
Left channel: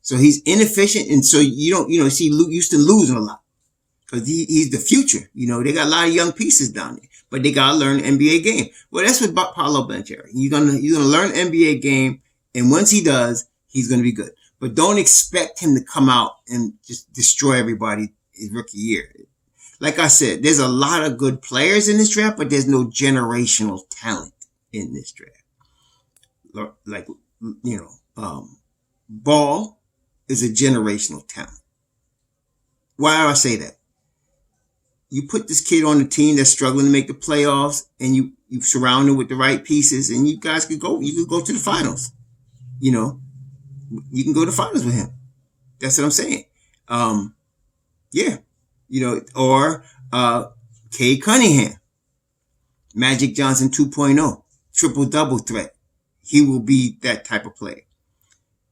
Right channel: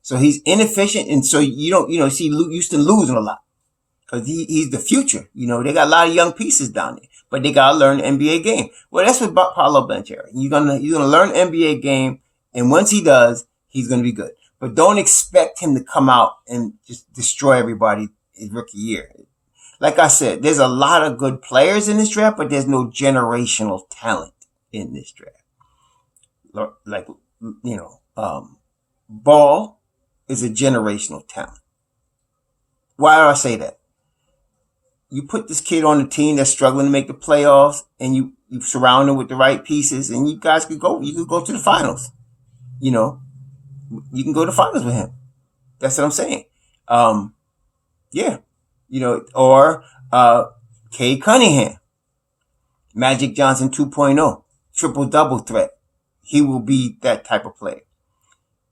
So he's inefficient, and so you don't, see Houston losing a lot because he's the future. They got a lot of young pieces down there, but they got to learn the NBA game. Well, that's what Paolo Banchero. You're gonna learn the NBA game, and once he does, he's going to be good. But don't expect him to come out and just destroy everybody his rookie year. Like I said, there's a lot of good players in this draft, but there's no generational talent in this draft. Like, Ball is a generational talent. Why do I say that? You put this kid on the team that's struggling to make the playoffs, and you surround him with the right pieces, and you guys could go. You could go to the finals. You can go to the finals with him. That's what I'm saying. Or Cade Cunningham, Magic Johnson 2.0, triple-double threat. He will be that type of player.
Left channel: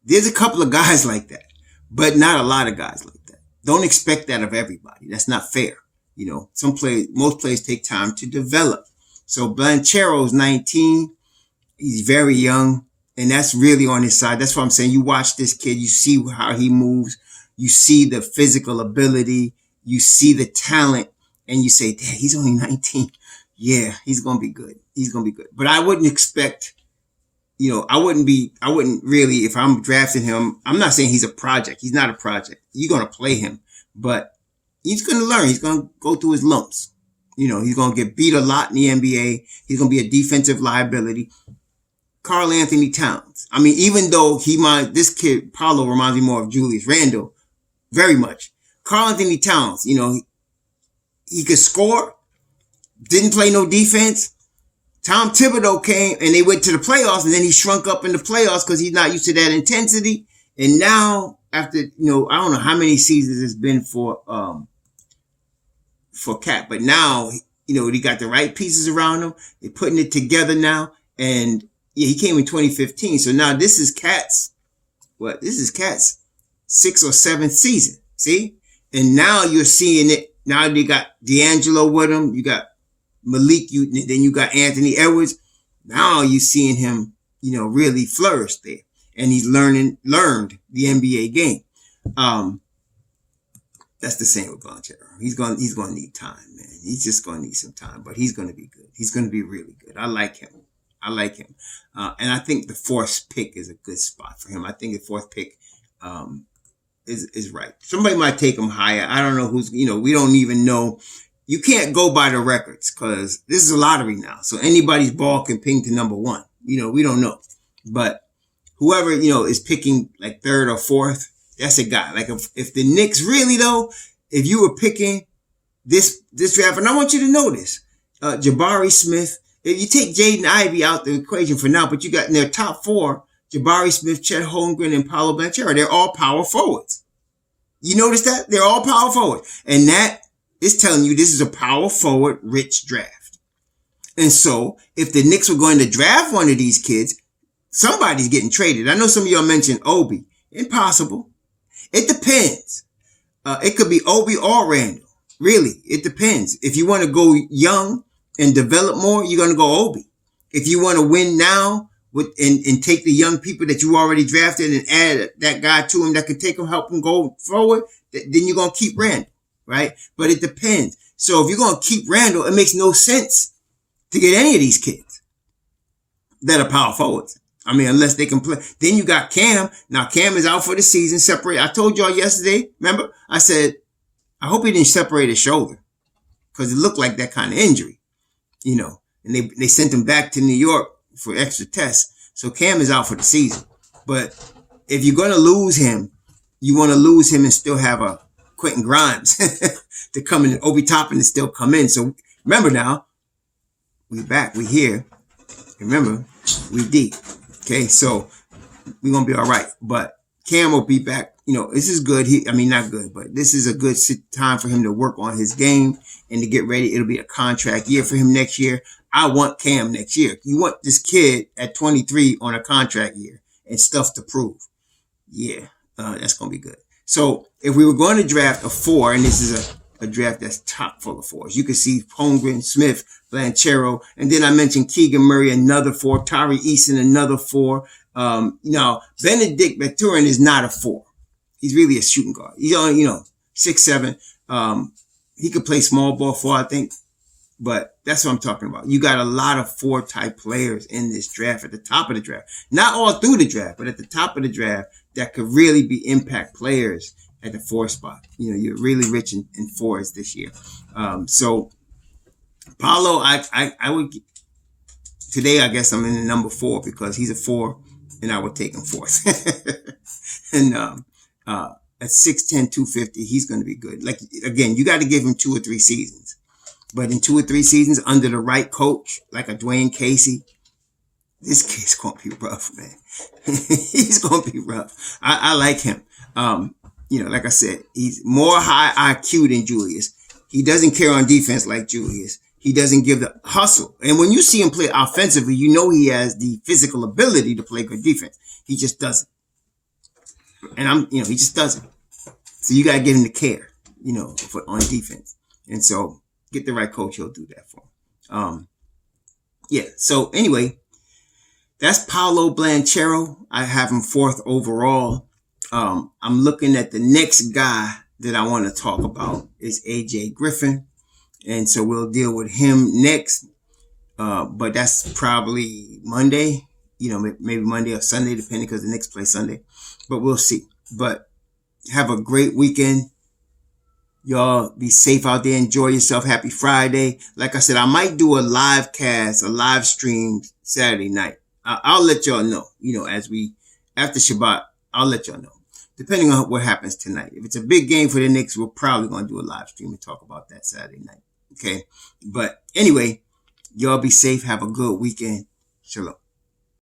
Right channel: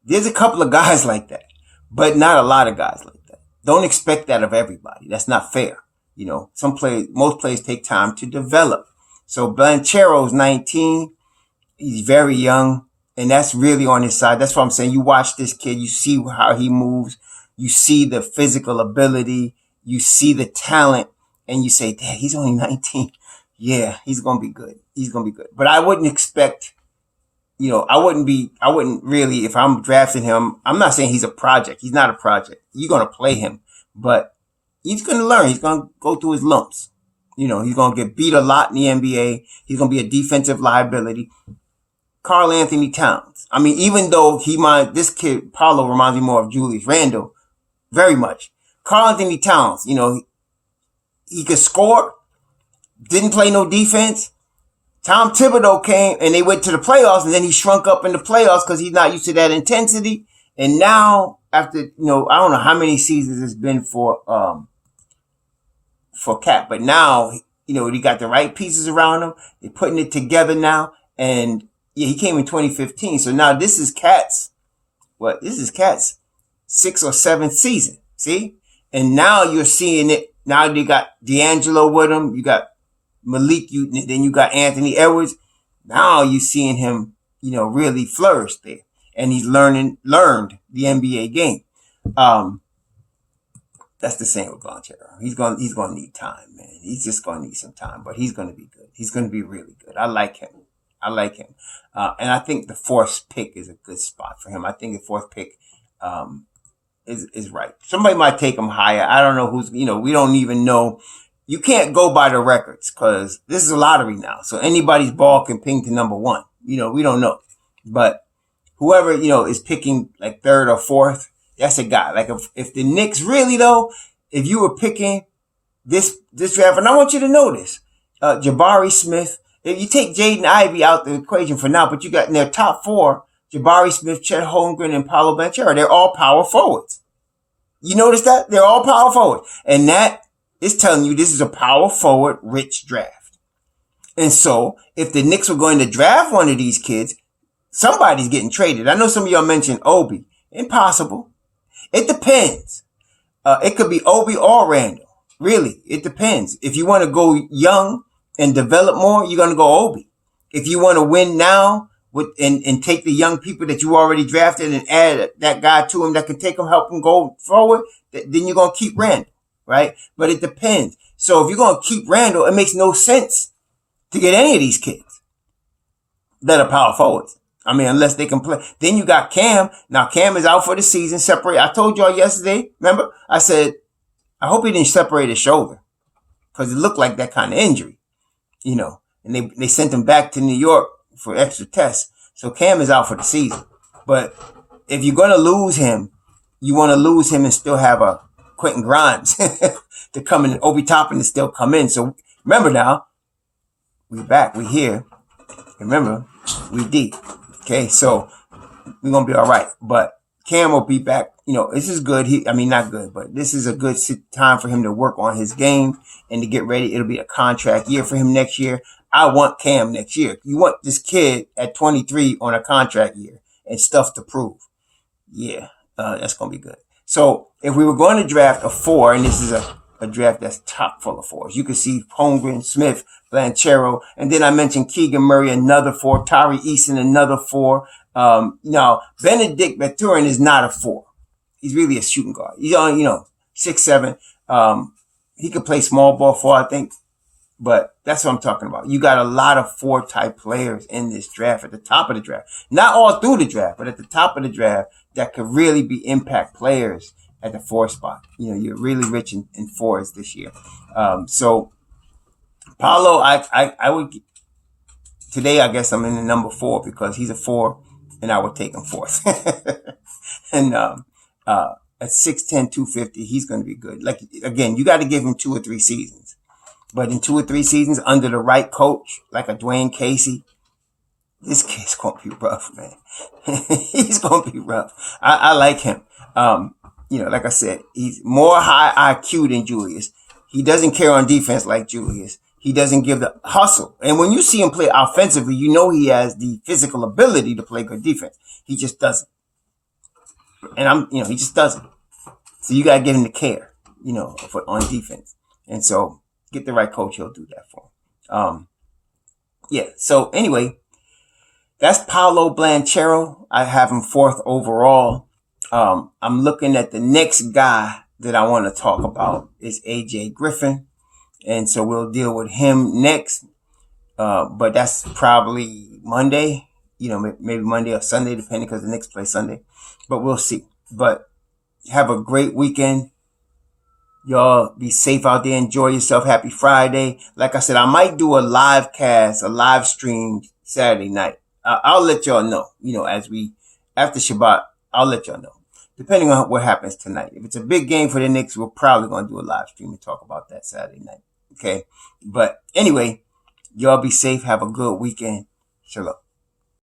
There's a couple of guys like that, but not a lot of guys like that. Don't expect that of everybody. That's not fair. Most players take time to develop. So Blanchero's 19. He's very young, and that's really on his side. That's what I'm saying. You watch this kid, you see how he moves, you see the physical ability, you see the talent, and you say, "Dad, he's only 19. Yeah, he's going to be good. He's going to be good." But I wouldn't expect, I wouldn't really, if I'm drafting him, I'm not saying he's a project. He's not a project. You're going to play him, but he's going to learn. He's going to go through his lumps. He's going to get beat a lot in the NBA. He's going to be a defensive liability. Karl Anthony Towns. I mean, even though this kid, Paolo, reminds me more of Julius Randle, very much. Karl Anthony Towns, he could score, didn't play no defense. Tom Thibodeau came and they went to the playoffs, and then he shrunk up in the playoffs because he's not used to that intensity. And now, after, I don't know how many seasons it's been for Cat, but now, he got the right pieces around him. They're putting it together now. And he came in 2015. So now this is Cat's 6th or 7th season. See? And now you're seeing it. Now they got D'Angelo with him. You got Malik. Then you got Anthony Edwards. Now you're seeing him, really flourish there. And he's learned the NBA game. That's the same with Blanchero. He's going to need time, man. He's just going to need some time, but he's going to be good. He's going to be really good. I like him. And I think the fourth pick is a good spot for him. I think the fourth pick is right. Somebody might take him higher. I don't know who's, we don't even know. You can't go by the records because this is a lottery now. So anybody's ball can ping to number one. We don't know. But whoever, is picking like third or fourth, that's a guy. Like if the Knicks really though, if you were picking this draft, and I want you to know this, Jabari Smith, if you take Jaden Ivey out the equation for now, but you got in their top four, Jabari Smith, Chet Holmgren, and Paolo Banchero. They're all power forwards. You notice that? They're all power forwards. And that is telling you this is a power forward rich draft. And so if the Knicks were going to draft one of these kids, somebody's getting traded. I know some of y'all mentioned Obi. Impossible. It depends. It could be Obi or Randall. Really, it depends. If you want to go young and develop more, you're going to go Obi. If you want to win now and take the young people that you already drafted and add that guy to him that can take them, help them go forward, then you're going to keep Randall, right? But it depends. So if you're going to keep Randall, it makes no sense to get any of these kids that are power forwards. I mean, unless they can play. Then you got Cam. Now Cam is out for the season. Separate. I told y'all yesterday, remember? I said, I hope he didn't separate his shoulder because it looked like that kind of injury, and they sent him back to New York for extra tests. So Cam is out for the season. But if you're going to lose him, you want to lose him and still have a Quentin Grimes to come in and Obi Toppin to still come in. So remember now, we back, we here. Remember, we deep. Okay, so we're going to be all right. But Cam will be back. This is good. Not good, but this is a good time for him to work on his game and to get ready. It'll be a contract year for him next year. I want Cam next year. You want this kid at 23 on a contract year and stuff to prove. Yeah, that's going to be good. So if we were going to draft a 4, and this is a draft that's chock full of 4s, you can see Holmgren, Smith, Blanchero, and then I mentioned Keegan Murray, another 4, Tari Eason, another 4. Now, Benedict Mathurin is not a 4. He's really a shooting guard. He's on, 6'7". He could play small ball 4, I think. But that's what I'm talking about. You got a lot of 4-type players in this draft at the top of the draft. Not all through the draft, but at the top of the draft that could really be impact players at the 4 spot. You're really rich in 4s this year. So Paolo, I would today. I guess I'm in the number 4 because he's a 4, and I would take him 4th. And at 6'10", 250, he's going to be good. Like again, you got to give him 2 or 3 seasons. But in 2 or 3 seasons, under the right coach, like a Dwayne Casey, this kid's going to be rough, man. He's going to be rough. I like him. Like I said, he's more high IQ than Julius. He doesn't care on defense like Julius. He doesn't give the hustle. And when you see him play offensively, he has the physical ability to play good defense. He just doesn't. And he just doesn't. So you got to get him to care, on defense. And so get the right coach, he'll do that for him. So anyway, that's Paolo Banchero. I have him 4th overall. I'm looking at the next guy that I want to talk about is AJ Griffin. And so we'll deal with him next. But that's probably Monday, maybe Monday or Sunday, depending because the Knicks play Sunday. But we'll see. But have a great weekend. Y'all be safe out there. Enjoy yourself. Happy Friday. Like I said, I might do a live cast, a live stream Saturday night. I'll let y'all know, after Shabbat, I'll let y'all know. Depending on what happens tonight. If it's a big game for the Knicks, we're probably going to do a live stream and talk about that Saturday night. Okay. But anyway, y'all be safe. Have a good weekend. Shalom.